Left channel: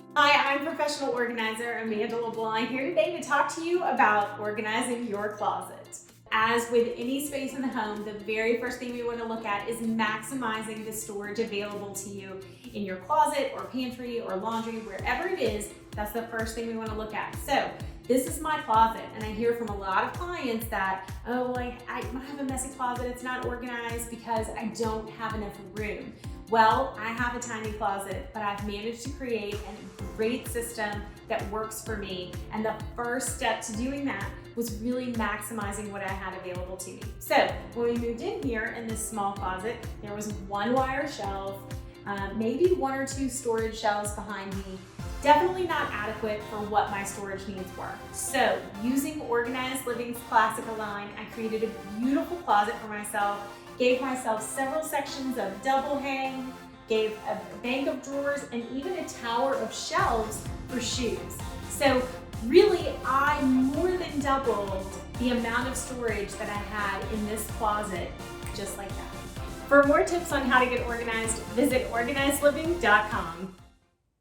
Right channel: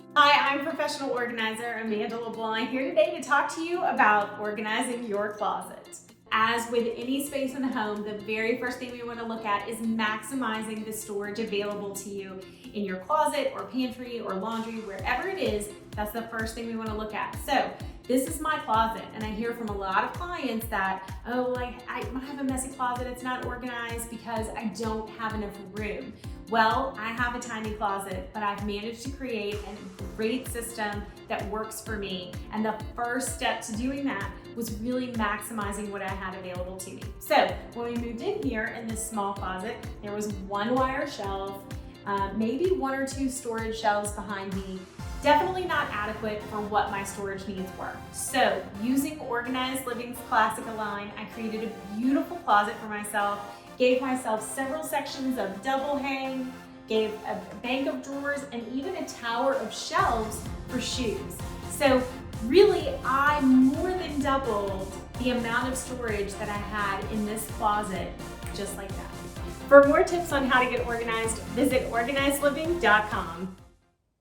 Hi, I'm professional organizer Amanda Leblanc here today to talk to you about organizing your closet. As with any space in the home, the very first thing we want to look at is maximizing the storage available to you in your closet or pantry or laundry, wherever it is. That's the first thing we want to look at. So this is my closet, and I hear from a lot of clients that, oh, like I have a messy closet, it's not organized because I don't have enough room. Well, I have a tiny closet, but I've managed to create a great system that works for me. And the first step to doing that was really maximizing what I had available to me. So when we moved in here in this small closet, there was one wire shelf, maybe one or two storage shelves behind me. Definitely not adequate for what my storage needs were. So using Organized Living's Classic Align, I created a beautiful closet for myself, gave myself several sections of double hang, gave a bank of drawers, and even a tower of shelves for shoes. So really, I more than doubled the amount of storage that I had in this closet, just like that. For more tips on how to get organized, visit organizedliving.com.